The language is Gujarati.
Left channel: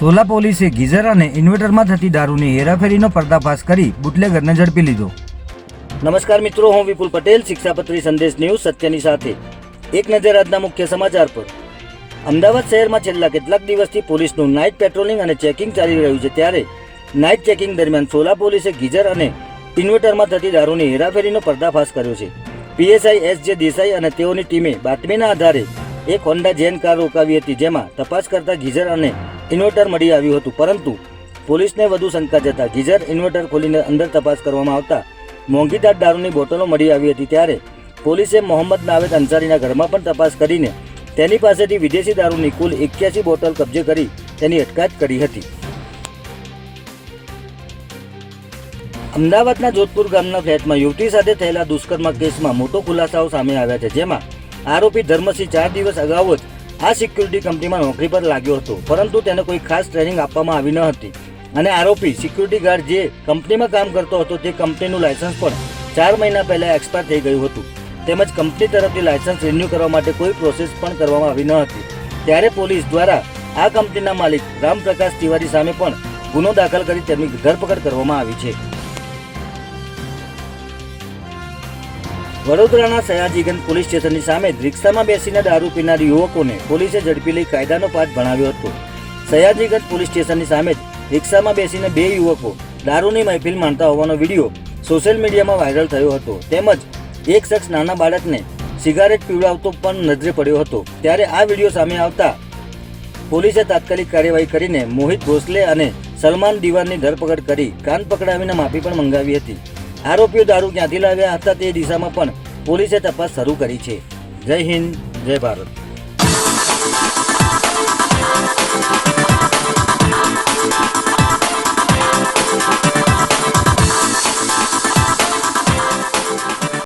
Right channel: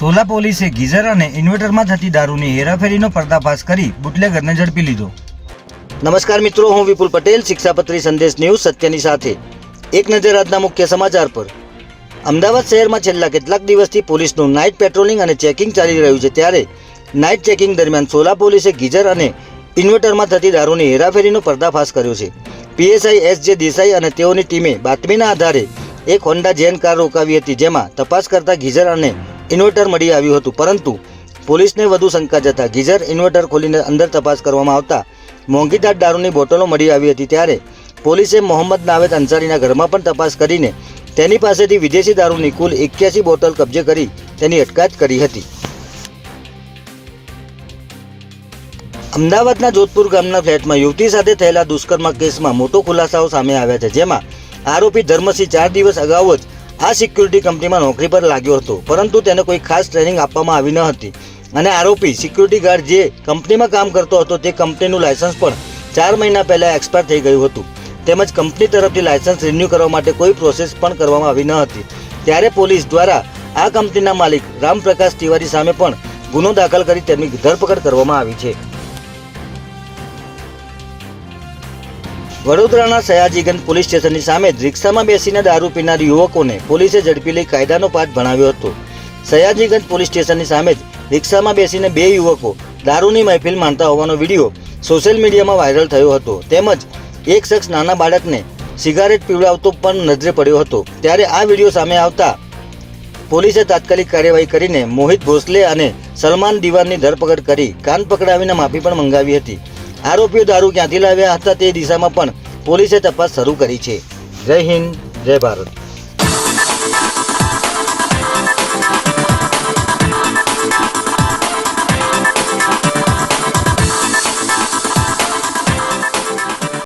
સોલા પોલીસે ગીઝર અને ઇન્વર્ટરમાં થતી દારૂની હેરાફેરીનો પર્દાફાશ કરી બુટલેગરને ઝડપી લીધો। નમસ્કાર મિત્રો, હું વિપુલ પટેલ, શિક્ષાપત્રી સંદેશ ન્યૂઝ સત્યની સાથે। એક નજર આજના મુખ્ય સમાચાર પર। અમદાવાદ શહેરમાં છેલ્લા કેટલાક દિવસથી પોલીસનું નાઇટ પેટ્રોલિંગ અને ચેકિંગ ચાલી રહ્યું છે, ત્યારે નાઇટ ચેકિંગ દરમિયાન સોલા પોલીસે ગીઝર અને ઇન્વર્ટરમાં થતી દારૂની હેરાફેરીનો પર્દાફાશ કર્યો છે। પીએસઆઈ એસ.જે. દેસાઈ અને તેઓની ટીમે બાતમીના આધારે એક હોન્ડા જેન કાર રોકાવી હતી, જેમાં તપાસ કરતા ગીઝર અને ઇન્વર્ટર મળી આવ્યું હતું, પરંતુ પોલીસને વધુ શંકા જતા ગીઝર ઇન્વર્ટર ખોલીને અંદર તપાસ કરવામાં આવતા મોંઘીદાટ દારૂની બોટલો મળી આવી હતી। ત્યારે પોલીસે મોહમ્મદ નાવેદ અંસારીના ઘરમાં પણ તપાસ કરીને તેની પાસેથી વિદેશી દારૂની કુલ 81 બોટલ કબજે કરી તેની અટકાયત કરી હતી। અમદાવાદના જોધપુર ગામના ફ્લેટમાં યુવતી સાથે થયેલા દુષ્કર્મ કેસમાં મોટો ખુલાસાઓ સામે આવ્યા છે, જેમાં આરોપી ધર્મસિંહ 4 દિવસ અગાઉ જ આ સિક્યુરિટી કંપનીમાં નોકરી પર લાગ્યો હતો, પરંતુ તેને કોઈ ખાસ ટ્રેનિંગ આપવામાં આવી ન હતી અને આરોપી સિક્યુરિટી ગાર્ડ જે કંપનીમાં કામ કરતો હતો તે કંપનીનું લાયસન્સ પણ 4 મહિના પહેલા એક્સપાયર થઈ ગયું હતું, તેમજ કંપની તરફથી લાયસન્સ રિન્યૂ કરવા માટે કોઈ પ્રોસેસ પણ કરવામાં આવી ન હતી। ત્યારે પોલીસ દ્વારા આ કંપનીના માલિક રામપ્રકાશ તિવારી સામે પણ ગુનો દાખલ કરી તેની ધરપકડ કરવામાં આવી છે। વડોદરાના સયાજીગંજ પોલીસ સ્ટેશનની સામે જ રિક્ષામાં બેસીને દારૂ પીનાર યુવકોને પોલીસે ઝડપી લઈ કાયદાનો પાઠ ભણાવ્યો હતો। સયાજીગંજ પોલીસ સ્ટેશનની સામે જ રિક્ષામાં બેસીને 2 યુવકો દારૂની મહેફિલ માણતા હોવાનો વિડીયો સોશિયલ મીડિયામાં વાયરલ થયો હતો, તેમજ એક શખ્સ નાના બાળકને સિગારેટ પીવડાવતો પણ નજરે પડ્યો હતો। ત્યારે આ વિડીયો સામે આવતા પોલીસે તાત્કાલિક કાર્યવાહી કરીને મોહિત ભોસલે અને સલમાન દિવાનની ધરપકડ કરી કાન પકડાવીને માફી પણ મંગાવી હતી। આરોપીઓ દારૂ ક્યાંથી લાવ્યા હતા તે દિશામાં પણ પોલીસે તપાસ શરૂ કરી છે। જય હિન્દ, જય ભારત।